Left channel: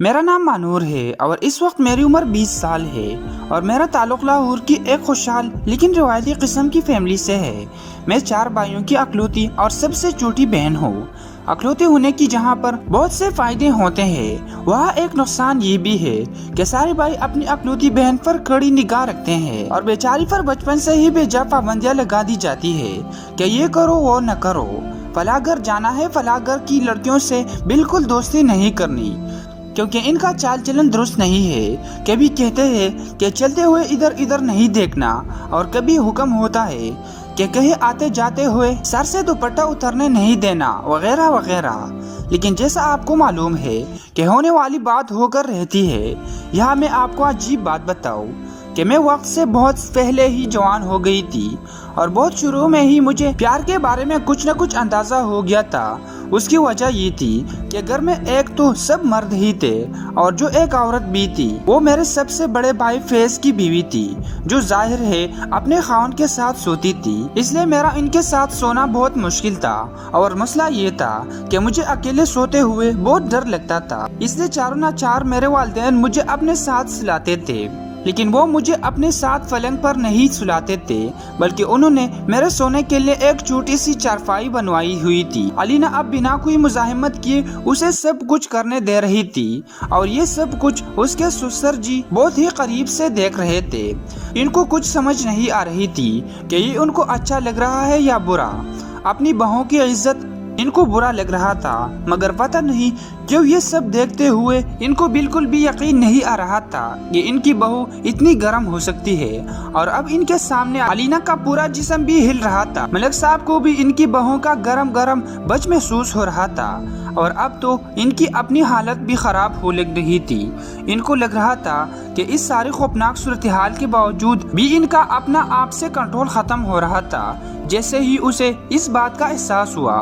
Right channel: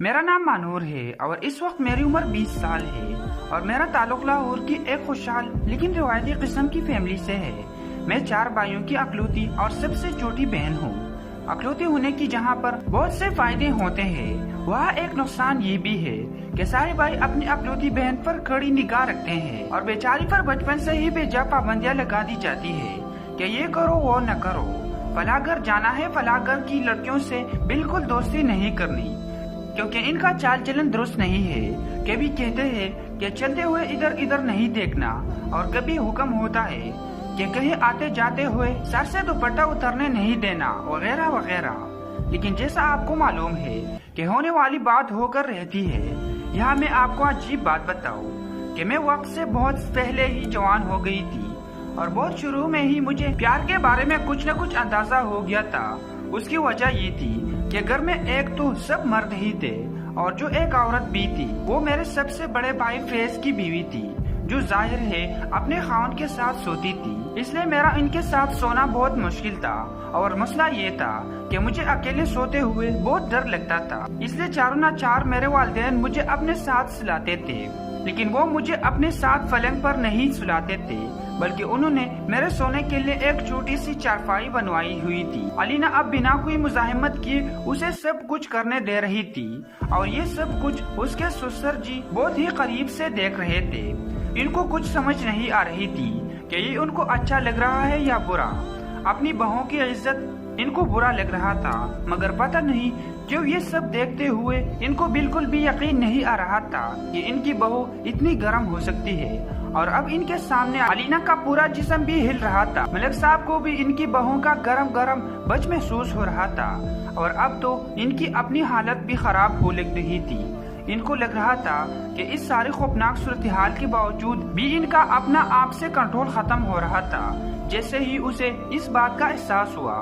मेरा नाम मानूर है और इस वक्त मेरी उम्र 20 साल है और मेरा ताल्लुक लाहौर की एक खुशहाल लेकिन रिवायती किस्म की फैमिली से है। मैं 4 भाइयों की अकलौती और सबसे छोटी बहन हूँ। अकलौती होने की जहाँ पर बहुत से फायदे होते हैं, वहाँ एक नुकसान ये भी है कि सारे भाई अपनी अकलौती बहन पर कड़ी निगाह रखते हैं और बेचारी पर बचपन से ही बेजा पाबंदियाँ लगा दी जाती है कि ये करो वो न करो। फलाघर जाना है, फलाघर की लड़कियों से बिल्कुल दोस्ती नहीं करनी क्योंकि इनका चाल चलन दुरुस्त नहीं है। कभी कहते हैं कि चलते हुए इधर इधर नहीं देखना और कभी हुक्म होता है कि कहीं आते जाते हुए सर से दुपट्टा उतरने नहीं देना वगैरह वगैरह। लेकिन जैसा आपको मालूम है कि होने वाली बात होकर रहती है। यहाँ मैं आपको अजीब बात बताऊँ कि मैं वक्त से बहुत पहले ही जवान हो गई थी और बहुत शुरू में ही मुझे प्यार के बारे में कुछ न कुछ अंदाजा हो गया था। उसकी वजह ये थी कि घर में एक तो सब मर्द ही थे और जो एक औरत भी थी वो मेरे सबसे बड़े भाई फैज की बीवी थी, जो जाहिर है अपने खाउन के साथ सोती थी। इसलिए मेरा इनके साथ सोना बहुत मुश्किल था और मसला ये था कि मुझे अकेले सोते हुए बहुत डर लगता था। इसलिए चारों ना चार मेरे वालिदैन मुझे अपने साथ सुलाते थे, लेकिन वो मुझे अपने साथ पलंग पर नहीं सुलाते थे बल्कि उन्होंने मेरे सोने के लिए एक छोटी सी चारपाई बनवाई हुई थी। अलीना अब बिना कोई मुजाहिमत किए उसे सब कुछ करने दे रही थी और ये सब कुछ उसके ससुर जी बहुत ही करीब से देख रहे थे। इनको कुछ समझ नहीं आ रही थी कि ये उनको अच्छा लग रहा है या बुरा। अपनी बहू की इज्जत इनको बुरा लग रहा था, मगर पता नहीं क्यों ये सब देखते हुए इनको बिल्कुल भी यकीन नहीं आ रहा था कि इनकी बहू इतनी गर्म हो सकती है। और अब इनके सामने अलीना का पूरा जिस्म भी हिल रहा था। मलिक साहब को भी इनकी बहू का गरम गरम बच महसूस हो रहा था और अब तो इनकी अपनी हालत भी खराब हो लग रही थी। इनको लग रहा था कि इस सारी खौफनाक सूरत हाल के बावजूद भी इनका अपना आप से कंट्रोल खत्म हो रहा था। जैसे ही उसे इस बात का एहसास हुआ